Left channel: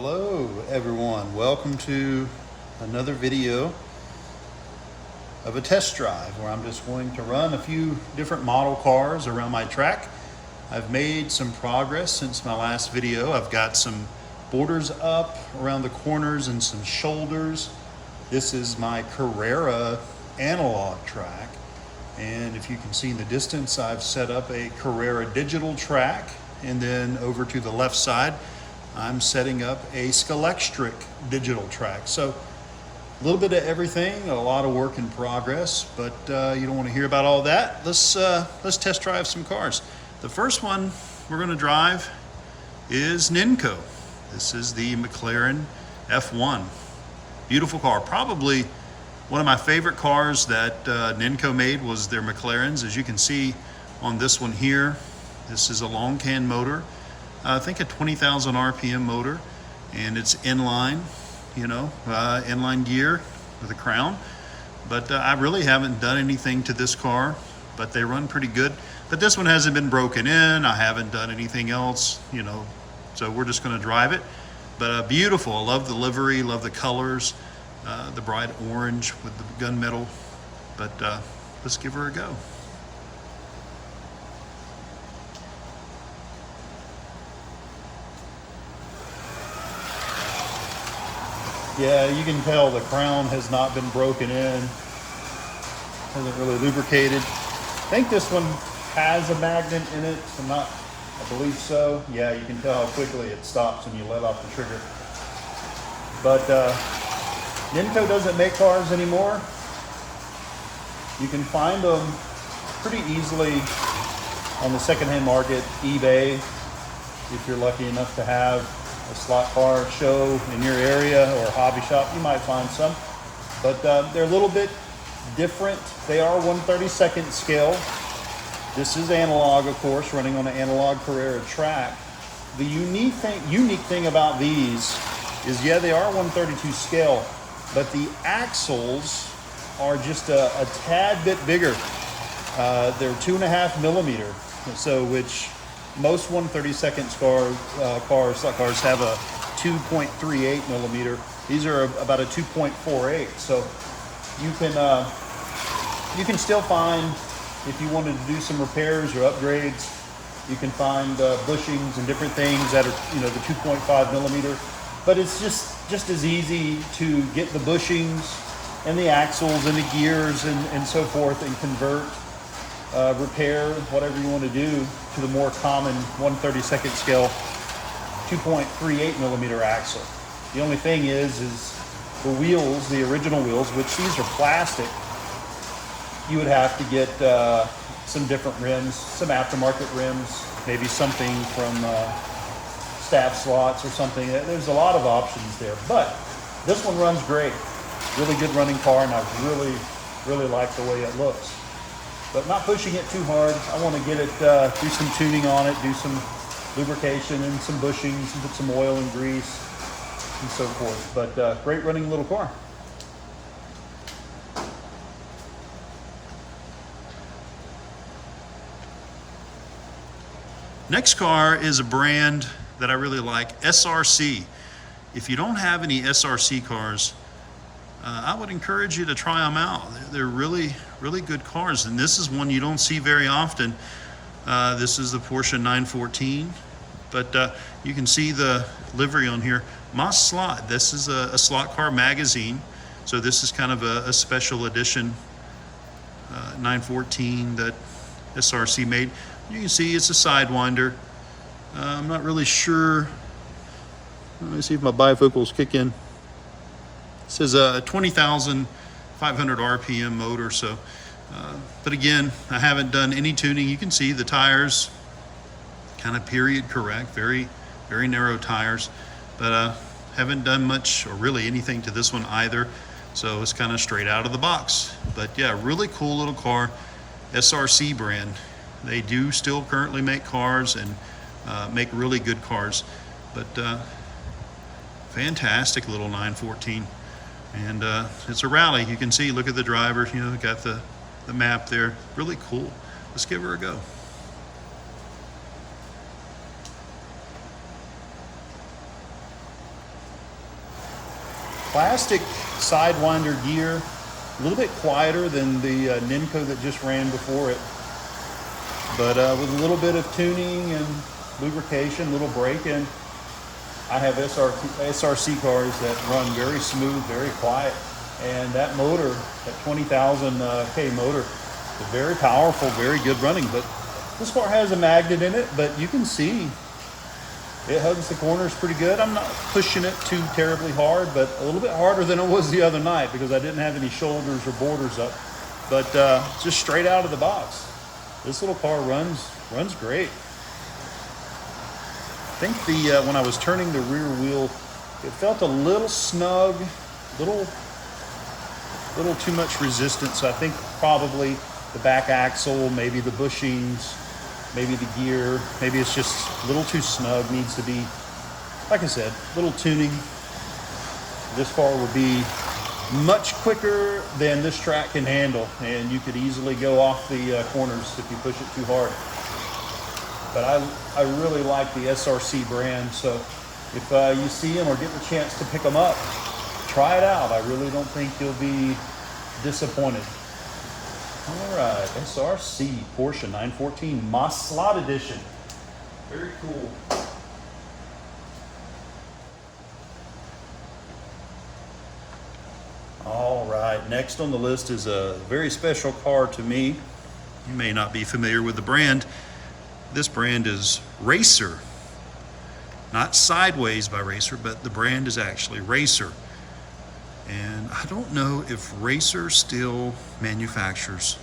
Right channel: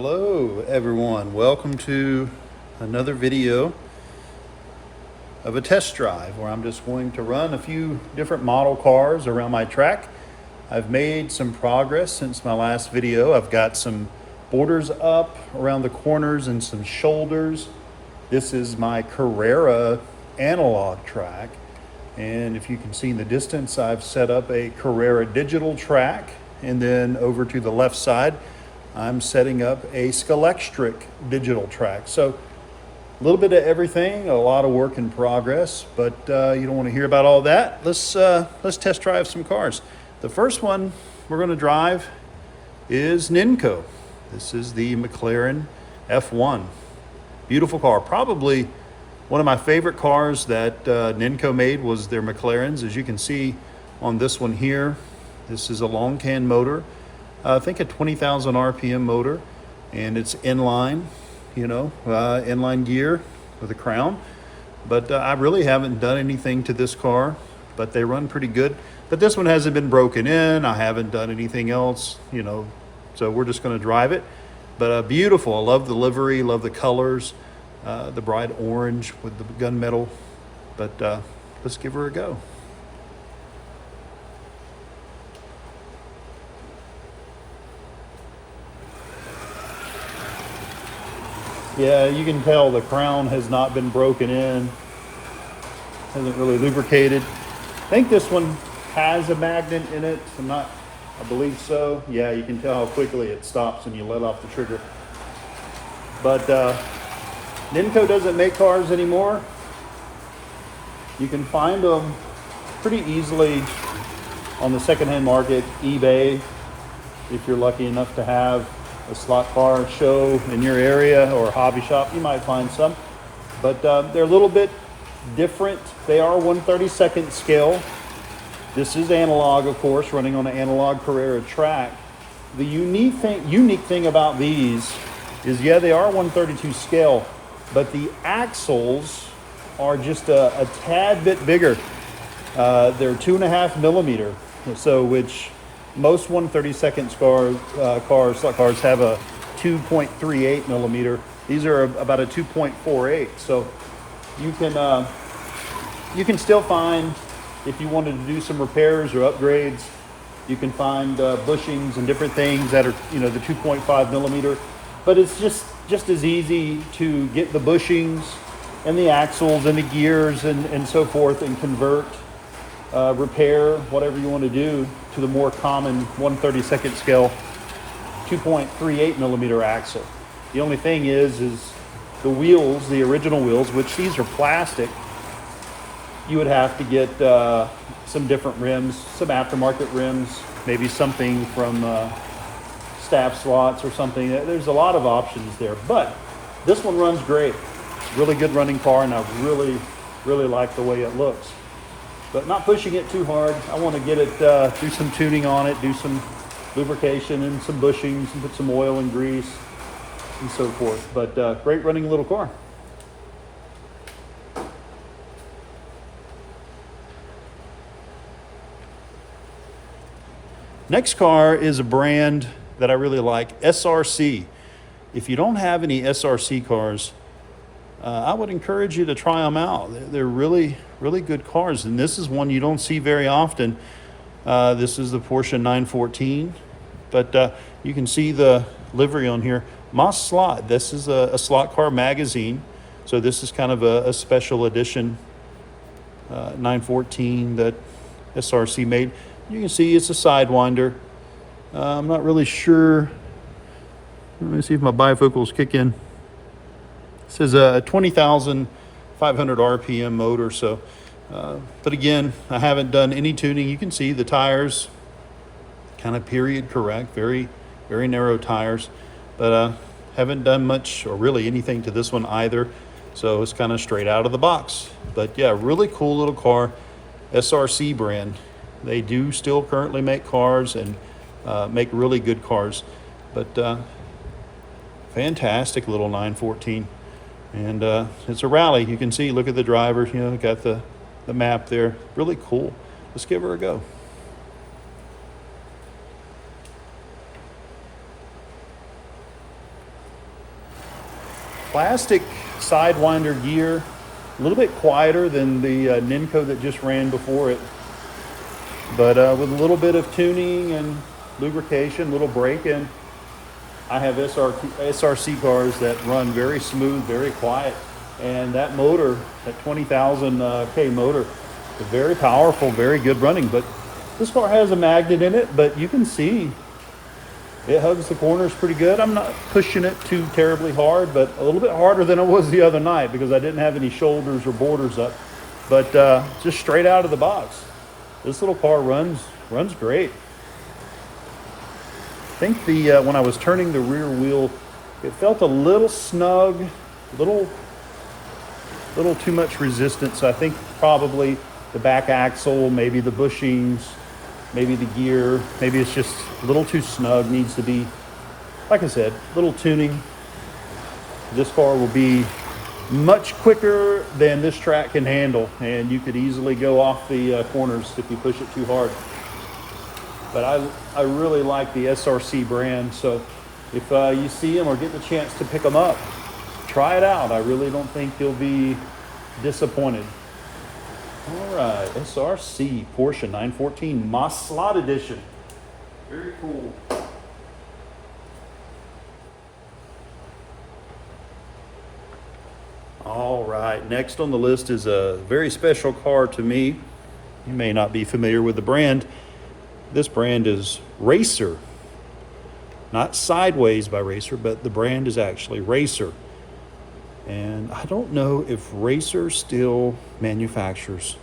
Hello everyone, welcome to another video of a test drive where I'm just going to run a few different model cars around my track. I've made some progress since my last video. I've got some borders up around the corners and some shoulders. This is my Carrera analog track, and if you can see in the distance, I've set up a Carrera digital track, and then over to the left side I'm setting up a Scalextric digital track. So a little bit of everything, a lot of work in progress, but you don't want to hear about all that. Let's test drive some cars. The first one we're going to drive is NINCO. This is the McLaren F1. Beautiful car. Probably one of my favorite cars that NINCO made was their McLarens. As you can see on this one here, this is a long can motor. I think a 20,000 RPM motor, and it's inline, inline gear with a crown. But I really haven't done anything to this car, but they run pretty good. But this one hasn't been broken in. I haven't done anything else, so we're just going to drive it. But beautiful. I love the livery, love the colors, the bright orange with the gunmetal. But let's give her a go. Yeah, you can tell the crown has not been broken in. Hasn't really lubricated. I think this one has a magnet in it. I believe so. Yeah, you can tell how quickly it stops when you let off the trigger. But NINCO doesn't make cars anymore. You can find them pretty easily on the secondhand market, eBay, if you're lucky enough to have a slot car show in your area or a hobby shop. You might find some, but they're a little bit different. They are 1/32 scale. This is analog, of course, running on an analog Carrera track. The unique thing about these is, yeah, they are 1/32 scale, but the axles are just a tad bit bigger. They're 2.5 millimeter, so which most 1/32 cars have a 2.38 millimeter. These are about a 2.48. So you can still find, if you wanted to do some repairs or upgrades, you can find bushings and different things that are the 2.5 millimeter. But it's just as easy to get the bushings and the axles and the gears and so forth, and convert, repair, whatever you want to do, to the more common 1/32 scale 2.38 millimeter axle. The only thing is the wheels, the original wheels, which these are plastic, you would have to get some different rims, some aftermarket rims, maybe something from staff slots or something. There's a lot of options there, but this one runs great. Really good running car, and I really like the way it looks. But not pushing it too hard. I want to get it, do some tuning on it, do some lubrication and some bushings, and put some oil and grease and so forth. But great running little car. Next car is a brand that I really like, SRC. If you don't have any SRC cars, I would encourage you to try them out. They're really good cars, and this is one you don't see very often. This is the Porsche 914, but you can see the livery on here. Moss Slot. This is a slot car magazine, so this is kind of a special edition 914 that SRC made. You can see it's a Sidewinder. I'm not really sure. Let me see if my bifocals kick in. This is a 20,500 RPM motor. So, but again, I haven't done any tuning. You can see the tires, kind of period correct, very narrow tires, but haven't done much or really anything to this one either. So it's kind of straight out of the box. But yeah, really cool little car, SRC brand. They do still currently make cars and make really good cars, but fantastic little 914. And it's a rally. You can see, look at the driver, got the map there. Really cool. Let's give her a go. plastic sidewinder gear, a little bit quieter than the NINCO that just ran before it, but with a little bit of tuning and lubrication, a little braking. I have SRC cars that run very smooth, very quiet, and that motor, that 20,000 K motor, is very powerful, very good running. But this car has a magnet in it, but you can see it hugs the corners pretty good. I'm not pushing it too terribly hard, but a little bit harder than it was the other night because I didn't have any shoulders or borders up. But just straight out of the box, this little car runs great. I think when I was turning the rear wheel, it felt a little snug, little too much resistance. So I think probably the back axle, maybe the bushings, maybe the gear, maybe it's just a little too snug, needs to be, like I said, a little tuning. This car will be much quicker than this track can handle, and you could easily go off the corners if you push it too hard. But I really like the SRC brand, so if you see them or get the chance to pick them up, try it out. I really don't think you'll be disappointed. All right, SRC Porsche 914 Moss Slot Edition. Very cool. All right, next on the list is a very special car to me. You may not be familiar with the brand. This brand is Racer. Not Sideways by Racer, but the brand is actually Racer. And I don't know if Racer still manufactures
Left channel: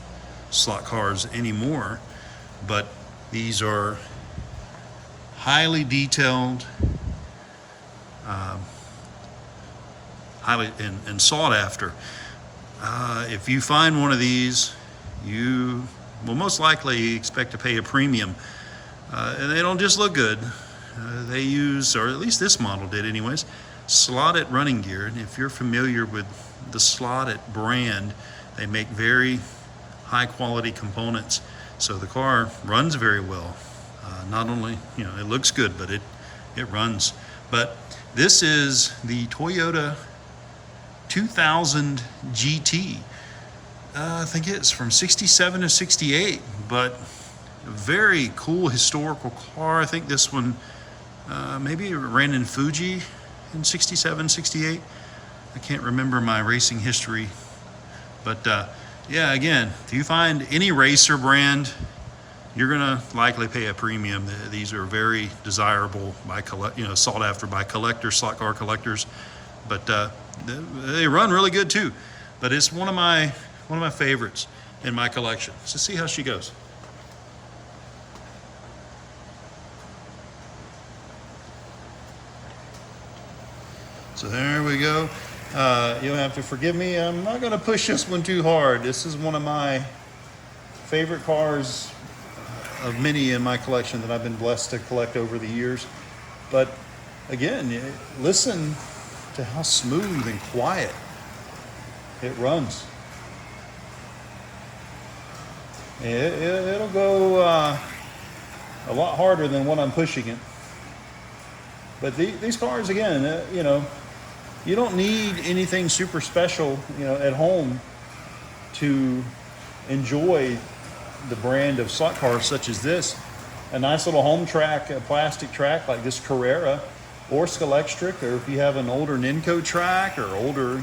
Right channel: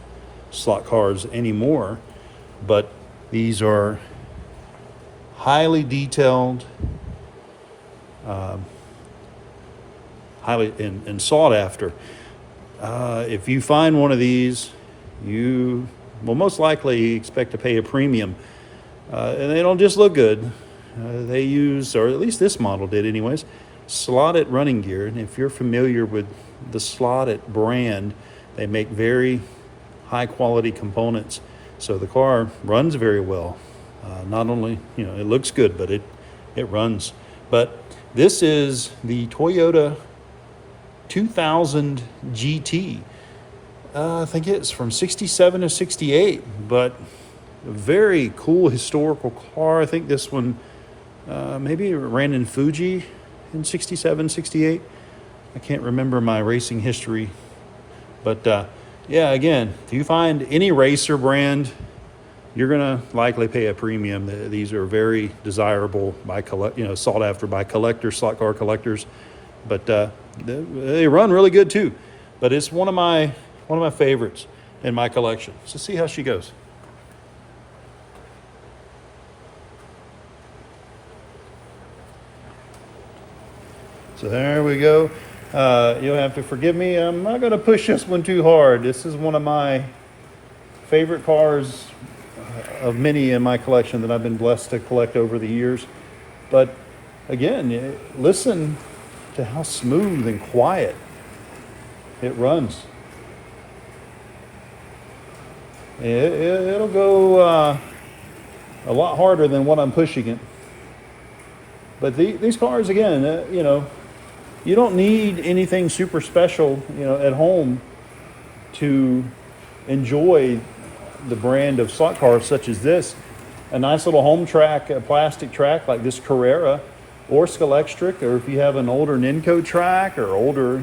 slot cars anymore, but these are highly detailed, highly and sought after. If you find one of these, you will most likely expect to pay a premium. And they don't just look good. They use, or at least this model did anyways, slotted running gear. And if you're familiar with the slotted brand, they make very high quality components. So the car runs very well. Not only, it looks good, but it runs. But this is the Toyota 2000 GT. I think it's from 67 to 68, but a very cool historical car. I think this one maybe it ran in Fuji in 67, 68. I can't remember my racing history, but yeah, again, if you find any Racer brand, you're gonna likely pay a premium. These are very desirable by sought after by collectors, slot car collectors, but they run really good too. But it's one of my favorites in my collection. So see how she goes. So there we go. You'll have to forgive me. I'm not going to push this one too hard. This is one of my favorite cars of many in my collection that I've been blessed to collect over the years. But again, listen to how smooth and quiet it runs. It'll go a lot harder than what I'm pushing it. But these cars, again, you don't need anything super special, at home to enjoy the brand of slot cars such as this. A nice little home track, a plastic track like this Carrera or Scalextric, or if you have an older NINCO track or older,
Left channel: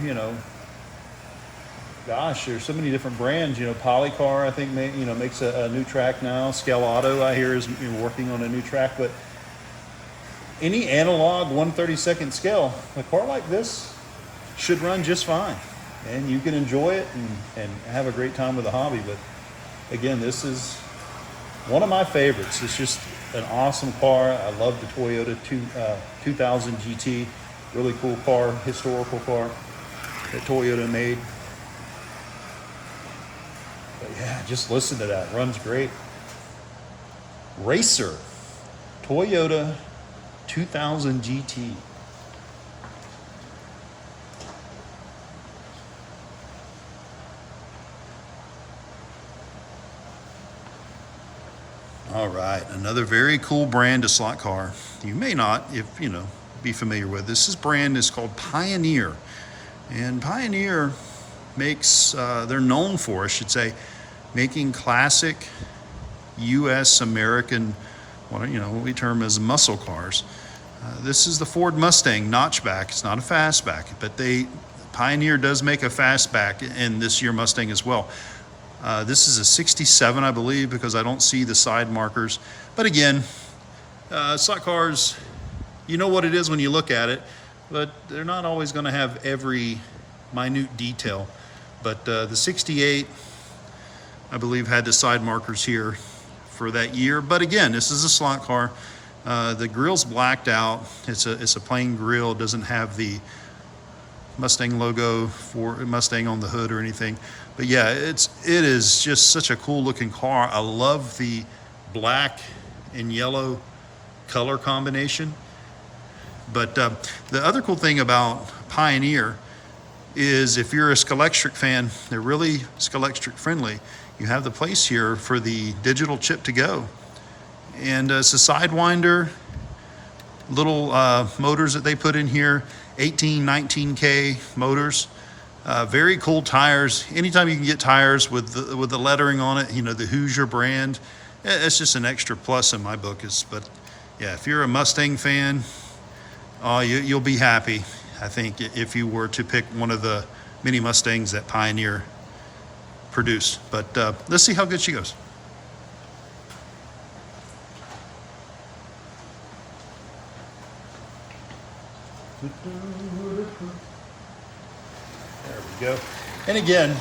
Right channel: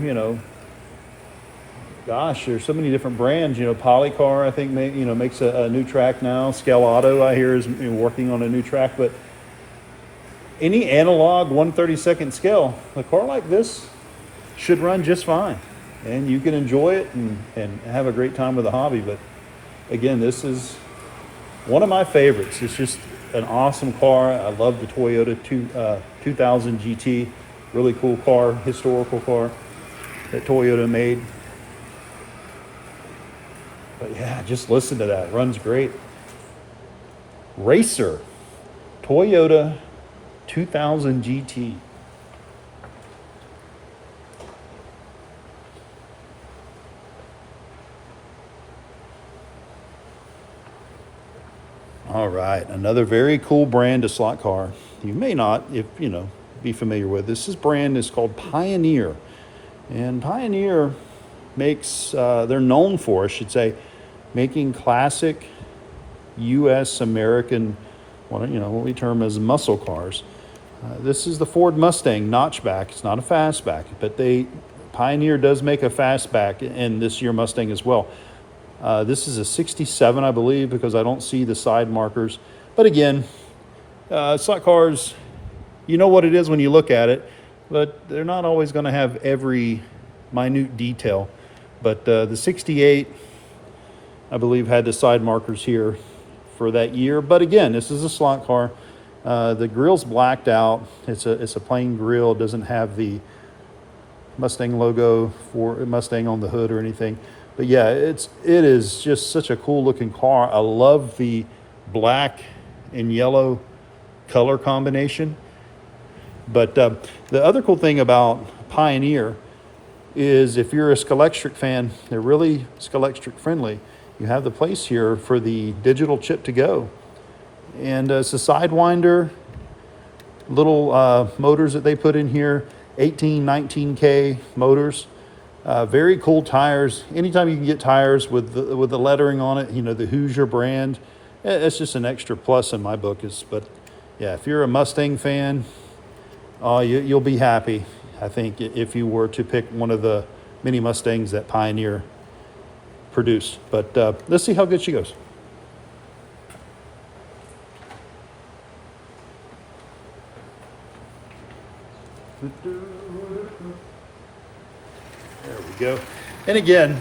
gosh, there's so many different brands. Polycar, I think, makes a new track now. Scale Auto, I hear, is working on a new track. But any analog 1/32 scale, a car like this should run just fine, and you can enjoy it and have a great time with the hobby. But again, this is one of my favorites. It's just an awesome car. I love the Toyota 2000 GT. Really cool car, historical car that Toyota made. But yeah, just listen to that. It runs great. Racer, Toyota 2000 GT. All right, another very cool brand of slot car. You may not, be familiar with. This brand is called Pioneer. And Pioneer makes, they're known for, I should say, making classic U.S. American, what we term as muscle cars. This is the Ford Mustang notchback. It's not a fastback, but Pioneer does make a fastback in this year Mustang as well. This is a 67, I believe, because I don't see the side markers. But again, slot cars, you know what it is when you look at it, but they're not always going to have every minute detail. But the 68, I believe, had the side markers here for that year. But again, this is a slot car. The grill's blacked out. It's a plain grill. It doesn't have the Mustang logo for Mustang on the hood or anything. But yeah, it is just such a cool looking car. I love the black and yellow color combination. But the other cool thing about Pioneer is if you're a Scalextric fan, they're really Scalextric friendly. You have the place here for the digital chip to go. And it's a Sidewinder, little motors that they put in here, 18, 19K motors. Very cool tires. Anytime you can get tires with the lettering on it, the Hoosier brand, it's just an extra plus in my book. But yeah, if you're a Mustang fan, you'll be happy, I think, if you were to pick one of the mini Mustangs that Pioneer produced. But let's see how good she goes. There we go. And again,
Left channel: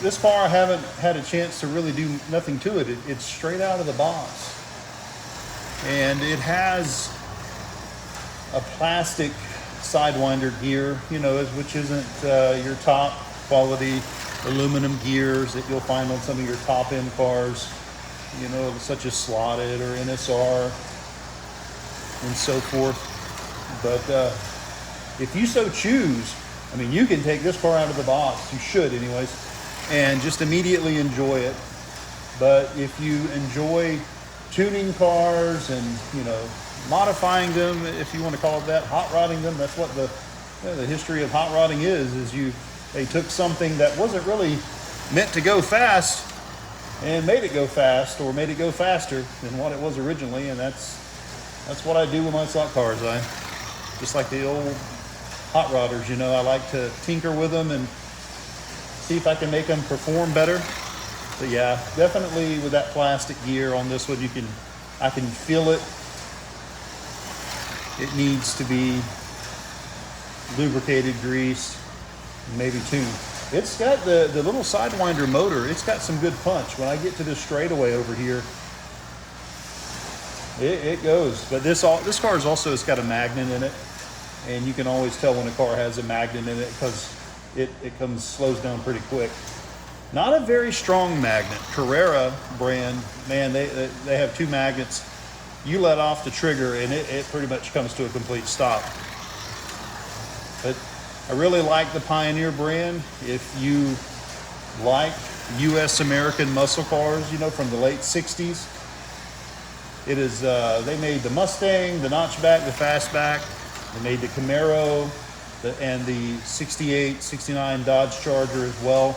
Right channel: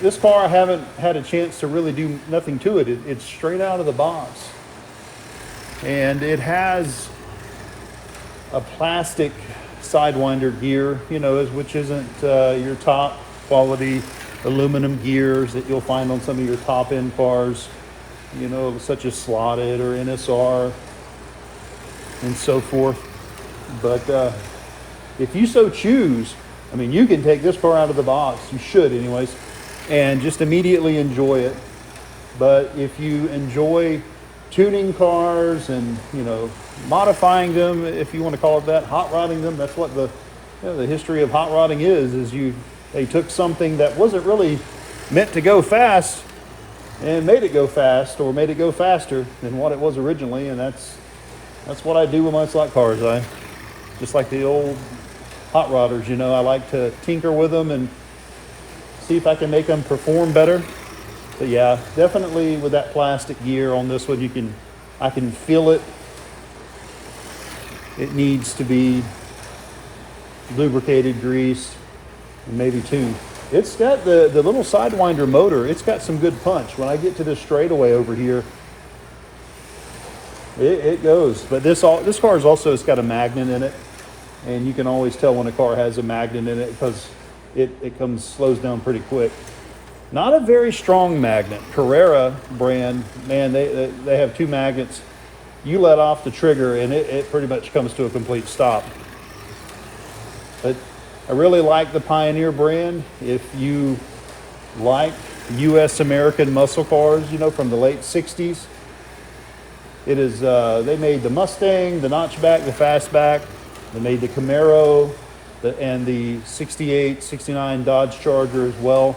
this car I haven't had a chance to really do nothing to it. It's straight out of the box. And it has a plastic Sidewinder gear, which isn't your top quality aluminum gears that you'll find on some of your top end cars, such as Slotted or NSR and so forth. But if you so choose, you can take this car out of the box. You should anyways, and just immediately enjoy it. But if you enjoy tuning cars and, modifying them, if you want to call it that, hot rodding them, that's what the history of hot rodding is they took something that wasn't really meant to go fast and made it go fast, or made it go faster than what it was originally. And that's what I do with my slot cars. I just like the old hot rodders, I like to tinker with them and see if I can make them perform better. But yeah, definitely with that plastic gear on this one, I can feel it. It needs to be lubricated, greased, and maybe tuned. It's got the little Sidewinder motor. It's got some good punch. When I get to this straightaway over here, it goes. But this car is also, it's got a magnet in it, and you can always tell when a car has a magnet in it because it slows down pretty quick. Not a very strong magnet. Carrera brand, man, they have two magnets. You let off the trigger and it pretty much comes to a complete stop. But I really like the Pioneer brand. If you like U.S. American muscle cars, from the late 60s, it is, they made the Mustang, the notchback, the fastback. They made the Camaro and the 68, 69 Dodge Charger as well.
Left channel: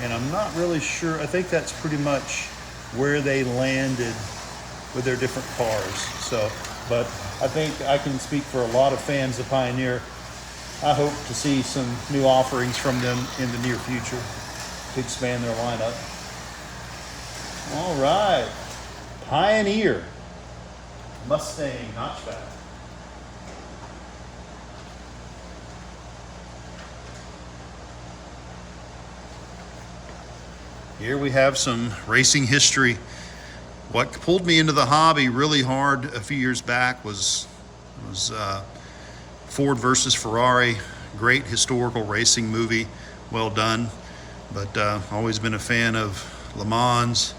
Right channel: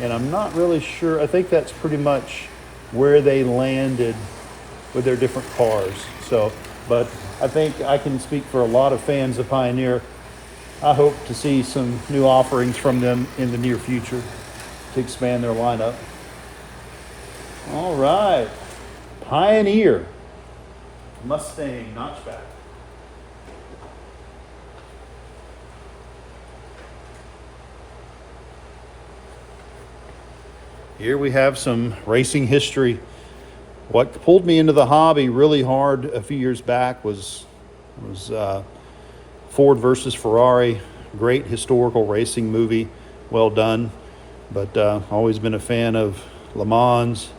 And I'm not really sure. I think that's pretty much where they landed with their different cars. So, but I think I can speak for a lot of fans of Pioneer. I hope to see some new offerings from them in the near future to expand their lineup. All right, Pioneer Mustang notchback. Here we have some racing history. What pulled me into the hobby really hard a few years back was Ford versus Ferrari. Great historical racing movie, well done. But always been a fan of Le Mans.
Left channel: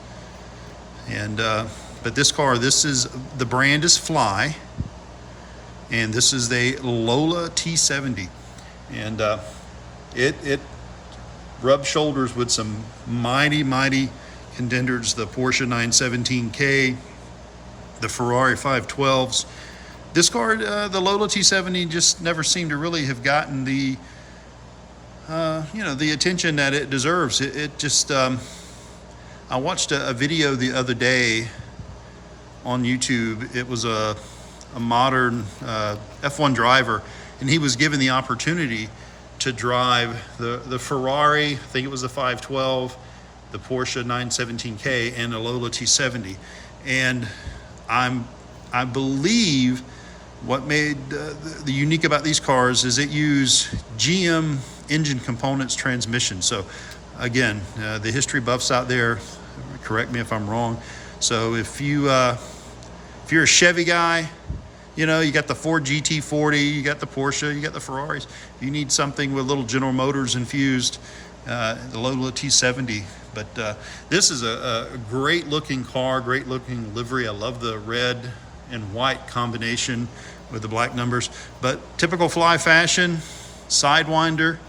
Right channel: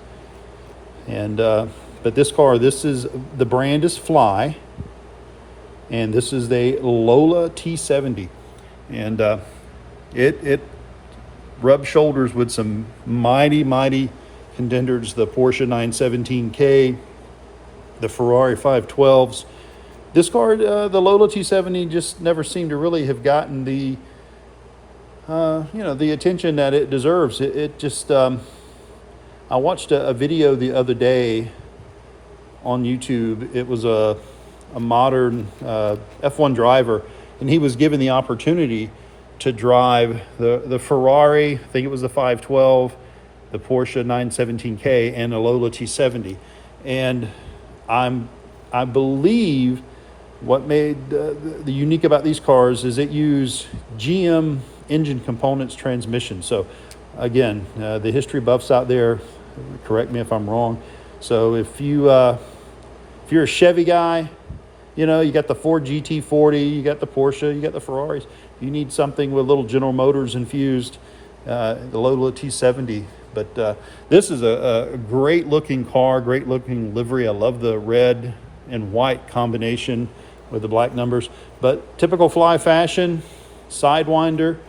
And but this car, the brand is Fly, and this is the Lola T70, and it rubbed shoulders with some mighty contenders, the Porsche 917K, the Ferrari 512s, this car, the Lola T70, just never seemed to really have gotten the, the attention that it deserves. It just, I watched a video the other day on YouTube. It was a modern F1 driver, and he was given the opportunity to drive the Ferrari, I think it was the 512, the Porsche 917K, and the Lola T70. And I believe what made the unique about these cars is it used GM engine components transmission. So again, the history buffs out there, correct me if I'm wrong. So if you're a Chevy guy, you got the Ford GT40, you got the Porsche, you got the Ferraris. You need something with little General Motors infused, the Lola T70. But this is a great looking car, great looking livery. I love the red and white combination with the black numbers. But typical Fly fashion, Sidewinder,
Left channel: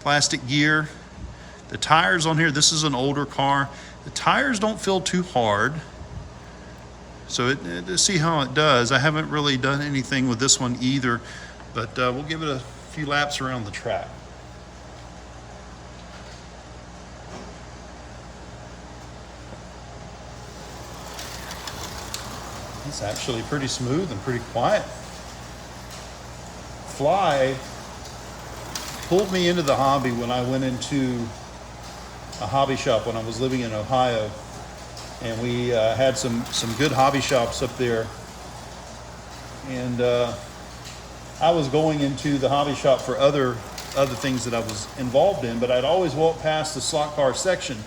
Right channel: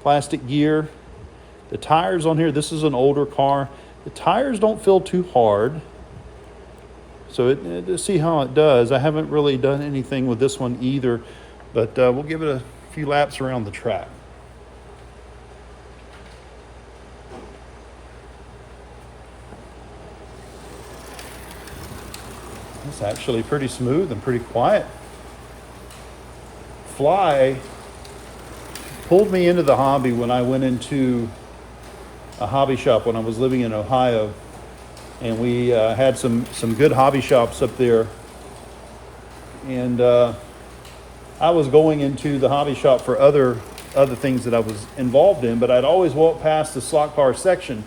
plastic gear. The tires on here, this is an older car. The tires don't feel too hard. So to see how it does. I haven't really done anything with this one either, but we'll give it a few laps around the track. It's actually pretty smooth and pretty quiet. Fly pulled me into the hobby when I went into a hobby shop when I was living in Ohio. And we had some good hobby shops up there. And I was going into the hobby shop for other things that I was involved in, but I'd always walk past the slot car section,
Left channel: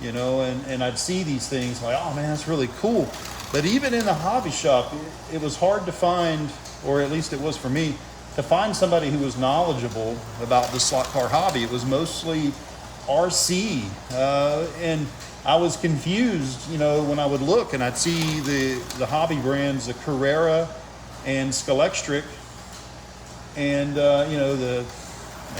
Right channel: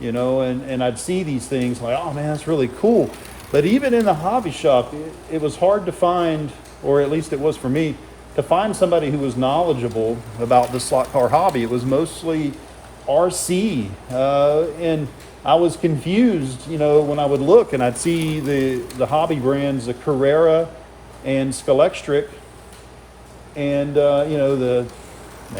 and I'd see these things like, oh man, that's really cool. But even in the hobby shop, it was hard to find, or at least it was for me, to find somebody who was knowledgeable about the slot car hobby. It was mostly RC, and I was confused, when I would look and I'd see the hobby brands, the Carrera and Scalextric, and the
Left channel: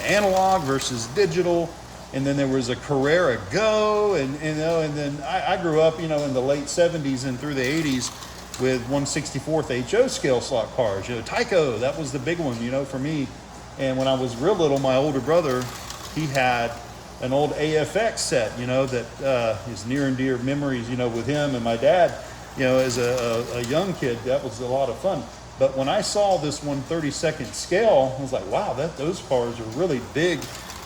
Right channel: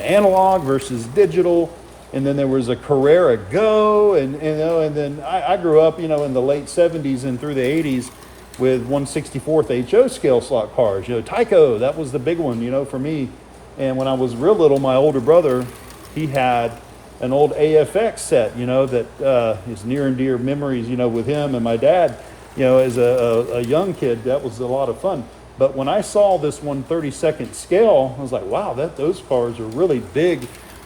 analog versus digital, and then there was a Carrera Go, and then I grew up, in the late 70s and through the 80s with 1/64th HO scale slot cars. Tyco, that was the big one, for me. And when I was real little, my older brother, he had an old AFX set, that is near and dear memories, with him and my dad, as a young kid. That was a lot of fun. But when I saw this 1/32nd scale, I was like, wow, those cars are really big.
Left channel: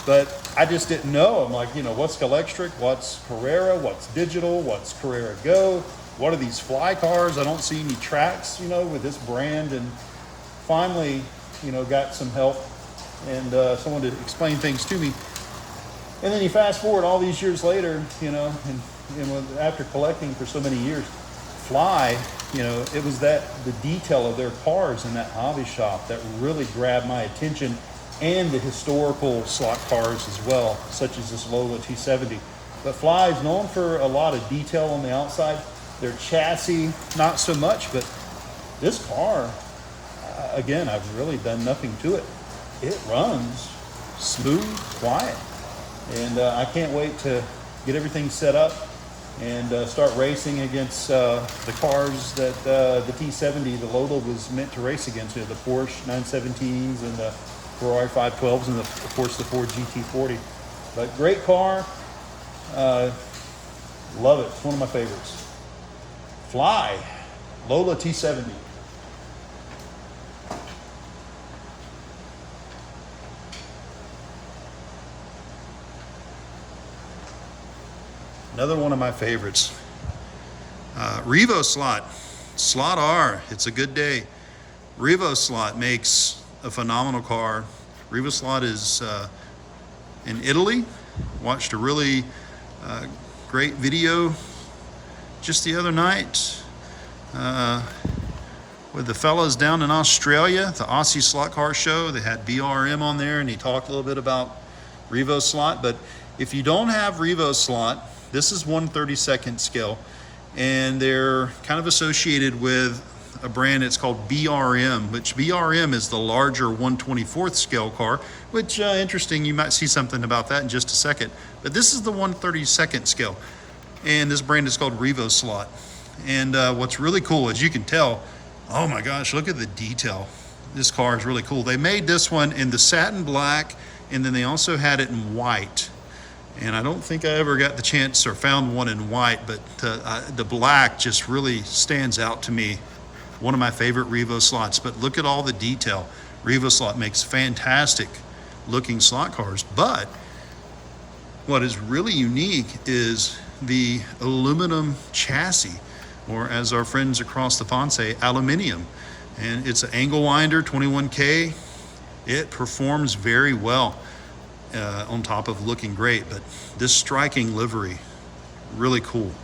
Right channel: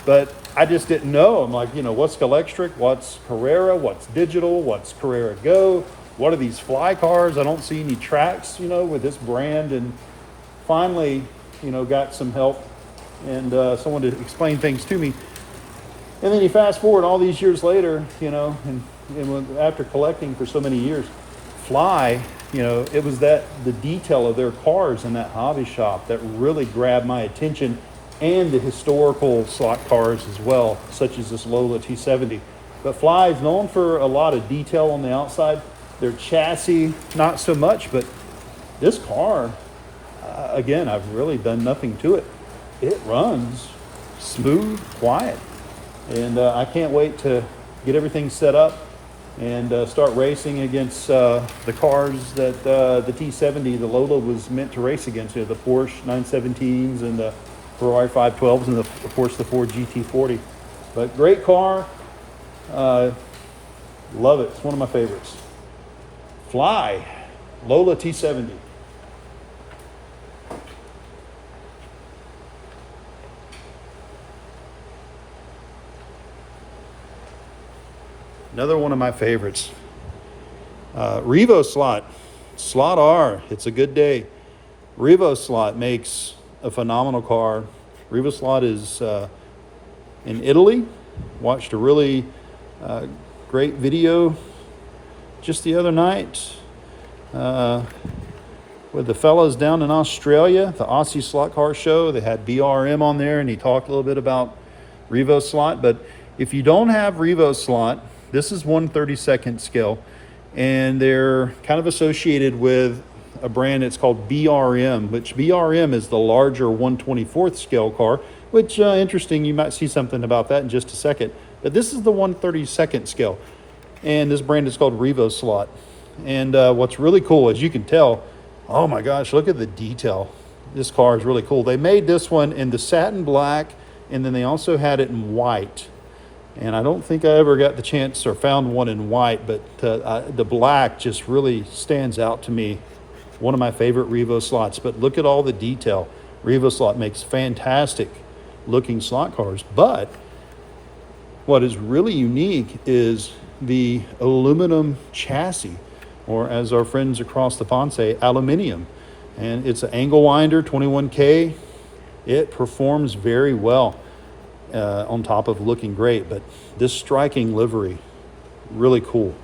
But I just didn't know. I'm like, what's Scalextric, what's Carrera, what's digital, what's Carrera Go, what are these Fly cars? I don't see any tracks, with this brand. And finally, got some help and someone to explain things to me. And then you fast forward all these years later, and after collecting for so many years, Fly, it was the detail of their cars in that hobby shop that really grabbed my attention, and the historical slot cars as well, such as this Lola T70. But Fly is known for a lot of detail on the outside. Their chassis, not so much, but this car, again, I've really done nothing to it. It runs smooth, quiet. And I can't wait to get everything set up and start racing against the cars that the T70, the Lola, was meant to race against. The Porsche 917s and the Ferrari 512s and of course the Ford GT40. But great car. Love it. It's one of my favorites. Fly, Lola T70. Another one of my favorites. Revo Slot R. It's a good day. Revo Slot makes a phenomenal car. Revo Slot is in Italy. Watched a really great video just the other night with the fellas down in Australia, the Aussie Slot Car Show. They had BRM on there, and he talked a little bit about Revo Slot. But if you don't have Revo Slot, this is 1/32nd scale, and they're kind of associated with a brand. It's called BRM, which BRM is the larger 1/24th scale car, which interesting. You might see something about that in just a second. But this is the 1/32nd scale, and this brand is called Revo Slot. And what's really cool, as you can tell, Oh my gosh, look at the detail. This car is really cool. They made this one in the satin black, and then they also had it in white. And I don't think I ever got the chance or found one in white, but the black just really stands out to me. One of my favorite Revo slots, but look at all the detail. Revo slot makes fantastic looking slot cars, but what is really unique is the aluminum chassis, or as our friends across the pond say, aluminium. And it's an angle winder, 21K. It performs very well on top of looking great, but this striking livery, really cool.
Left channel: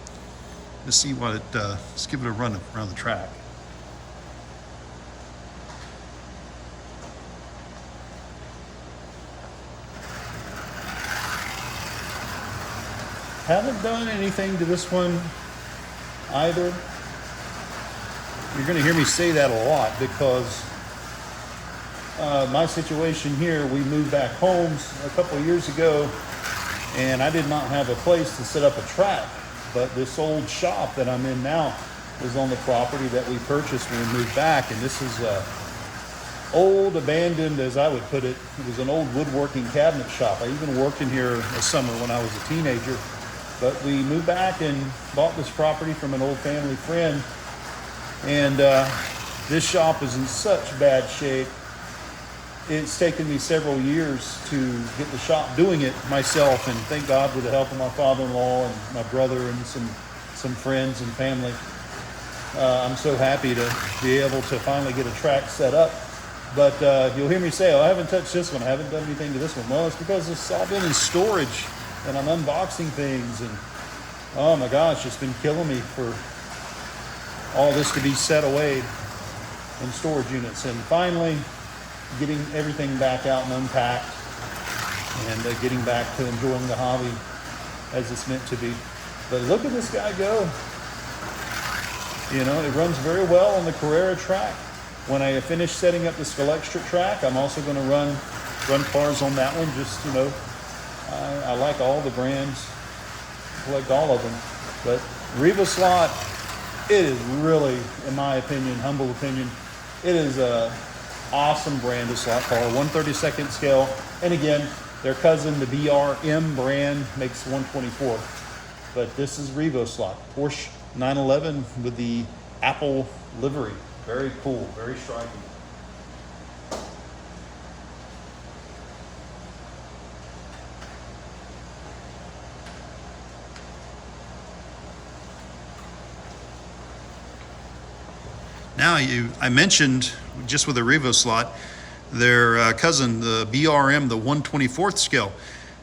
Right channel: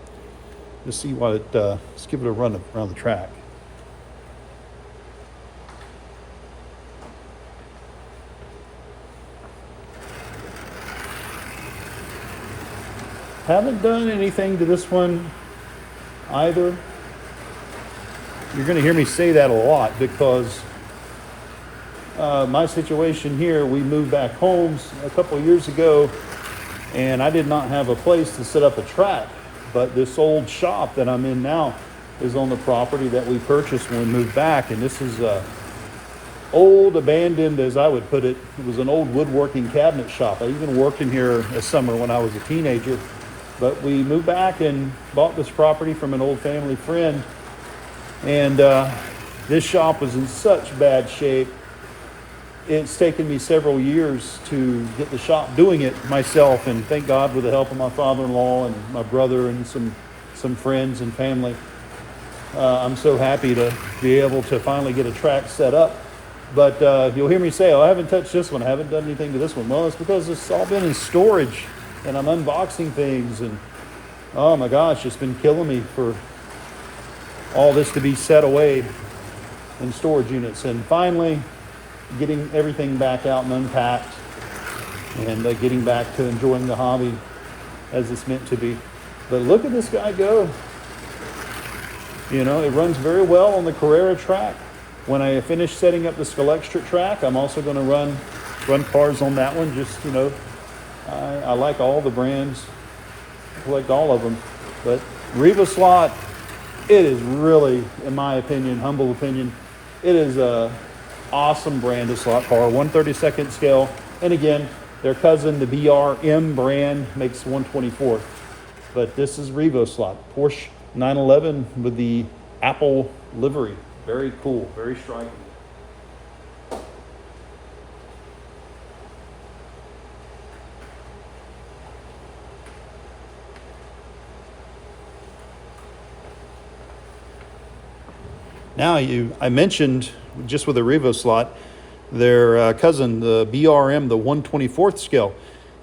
Let's see what it, let's give it a run around the track. Haven't done anything to this one either. You're going to hear me say that a lot because my situation here, we moved back home a couple of years ago, and I did not have a place to set up a track. But this old shop that I'm in now is on the property that we purchased when we moved back, and this is old, abandoned, as I would put it. It was an old woodworking cabinet shop. I even worked in here a summer when I was a teenager. But we moved back and bought this property from an old family friend. And this shop was in such bad shape. It's taken me several years to get the shop doing it myself. And thank God, with the help of my father-in-law and my brother and some friends and family, I'm so happy to be able to finally get a track set up. But you'll hear me say, oh, I haven't touched this one. I haven't done anything to this one. Well, it's because it's all been in storage. And I'm unboxing things, and oh my gosh, it's been killing me for all this to be set away in storage units. And finally, getting everything back out and unpacked, and getting back to enjoying the hobby as it's meant to be. But look at this guy go. You know, it runs very well on the Carrera track. When I finish setting up the Scalextra track, I'm also going to run cars on that one. Just, you know, I like all the brands, collect all of them, but Revo slot, it is really, in my opinion, humble opinion, it is a awesome brand of slot car, 1/32 scale, and again, their cousin, the BRM brand, makes 1/24, but this is Revo slot, Porsche 911 with the Apple livery, very cool, very striking. Now, I mentioned, just with the Revo slot, their cousin, the BRM, the 1/24 scale.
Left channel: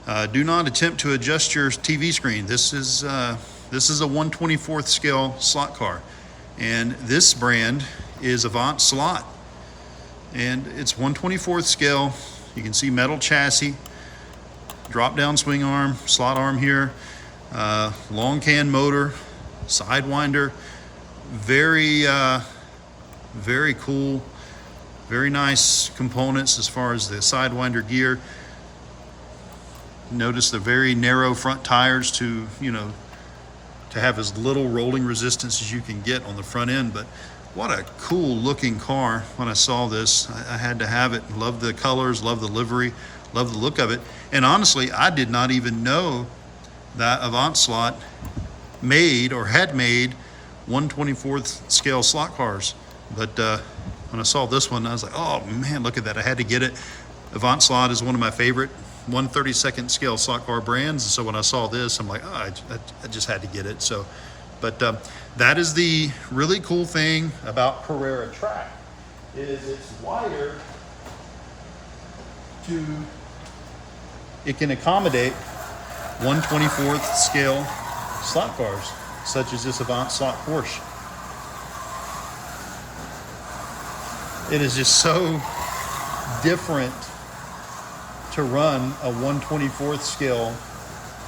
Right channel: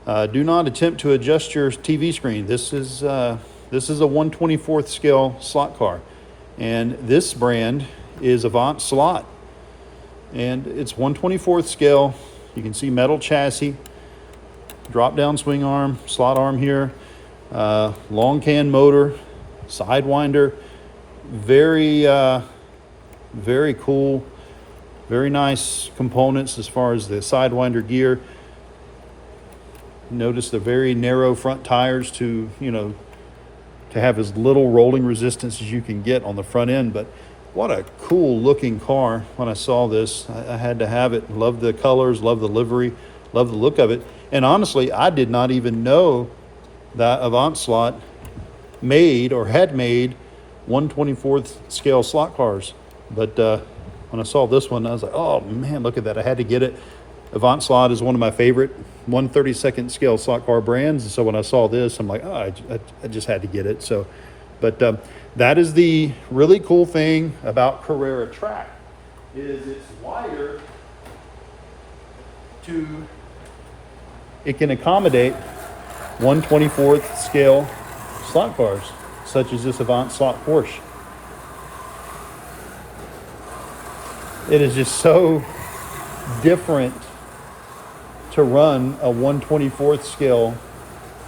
Do not attempt to adjust your TV screen. This is a 1/24 scale slot car. And this brand is Avant slot. And it's 1/24 scale. You can see metal chassis, drop down swing arm, slot arm here, long can motor, sidewinder, very cool, very nice components as far as the sidewinder gear. Notice the very narrow front tires to have as little rolling resistance as you can get on the front end. But what a cool looking car. When I saw this, I had to have it. Love the colors, love the livery, love the look of it. And honestly, I did not even know that Avant slot made or had made 1/24 scale slot cars. But when I saw this one, I was like, oh man, look at that. I had to get it. Avant slot is one of my favorite 1/32 scale slot car brands. And so when I saw this, I'm like, oh, I just had to get it. So, but that is the really cool thing about Carrera track, is it's wider it can accommodate 1/24 scale slot cars, such as this Avant slot Porsche. It is just so different to run a 1/24 scale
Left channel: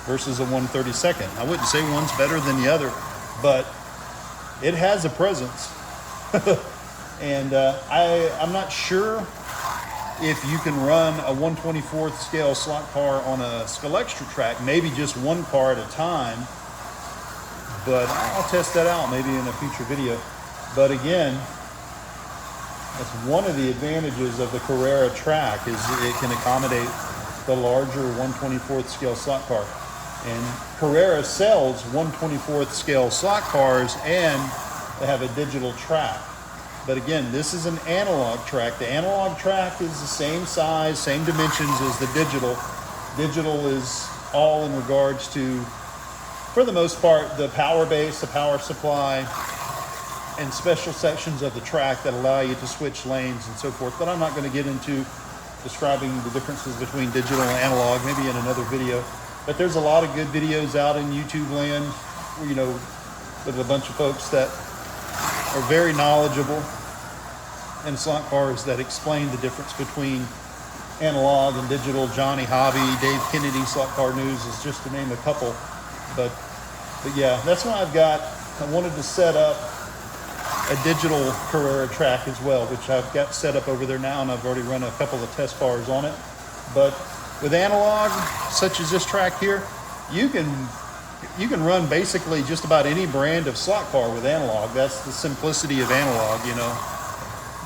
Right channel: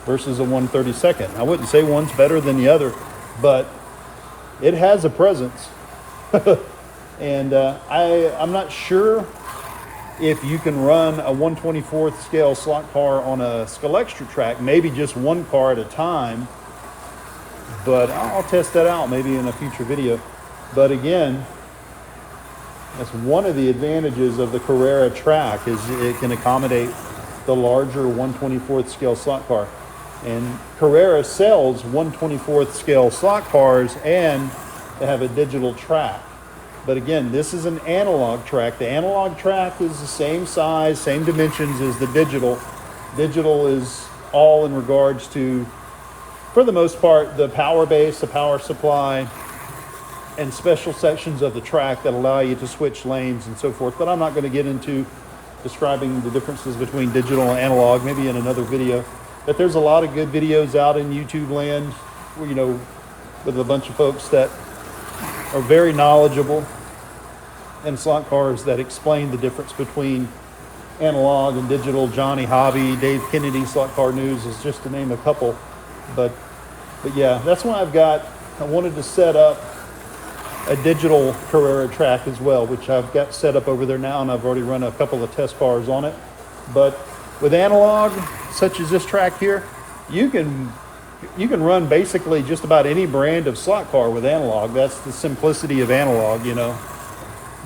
versus a 1/32. I wouldn't say one's better than the other, but it has a presence. And I'm not sure if you can run a 1/24 scale slot car on a Scalextra track, maybe just one car at a time, but I'll test that out maybe in a future video. But again, That's one of the advantages of the Carrera track, is it can accommodate the larger 1/24th scale slot car. And Carrera sells 1/24th scale slot cars, and they have a digital track. But again, this is an analog track. The analog track is the same size, same dimensions as the digital. Digital is all in regards to, for the most part, the power base, the power supply, and special sections of the track that allow you to switch lanes and so forth. But I'm not going to get into describing the differences between digital and analog, maybe in another video. But there's a lot of good videos out in YouTube land, you know, with a bunch of folks that are very knowledgeable in slot cars that explain the difference between analog and digital. Johnny Hobby, Dave Kennedy, Slot Car News is just to name a couple. But yeah, that's what I've got. I wanted to set up a digital Carrera track as well, which I've got set up over there now, and I've already run a couple of test cars on it. But with analog, such as this track here, you can run basically just about any brand of slot car with analog. That's the simplicity of analog, you know.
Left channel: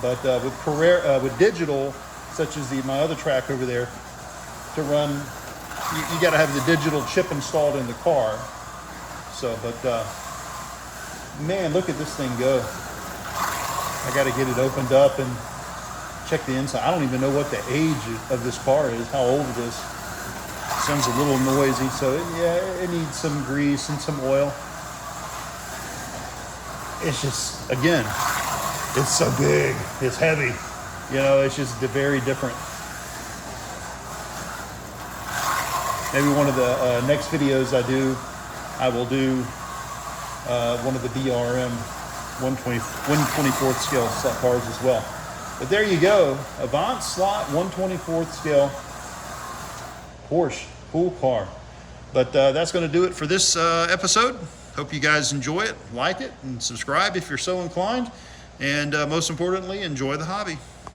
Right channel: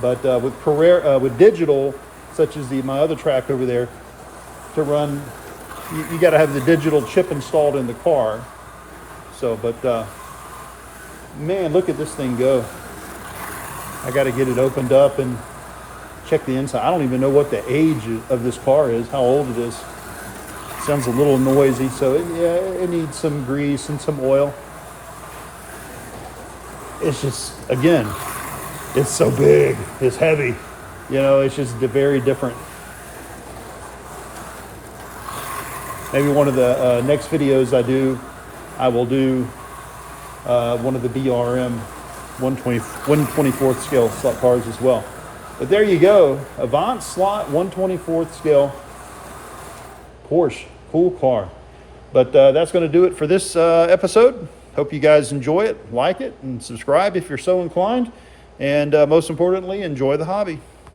But with Carrera, with digital, such as my other track over there, to run, you got to have the digital chip installed in the car. So, but man, look at this thing go. I got to get it opened up and check the inside. I don't even know what the age of this car is, how old it is. Sounds a little noisy, so it needs some grease and some oil. It's just, again, it's so big, it's heavy. You know, it's just very different. Maybe one of the next videos I will do one of the BRM 1/24th scale slot cars as well. But there you go, Avant slot 1/24th scale Porsche, cool car. But that's going to do it for this episode. Hope you guys enjoy it, like it, and subscribe if you're so inclined. And most importantly, enjoy the hobby.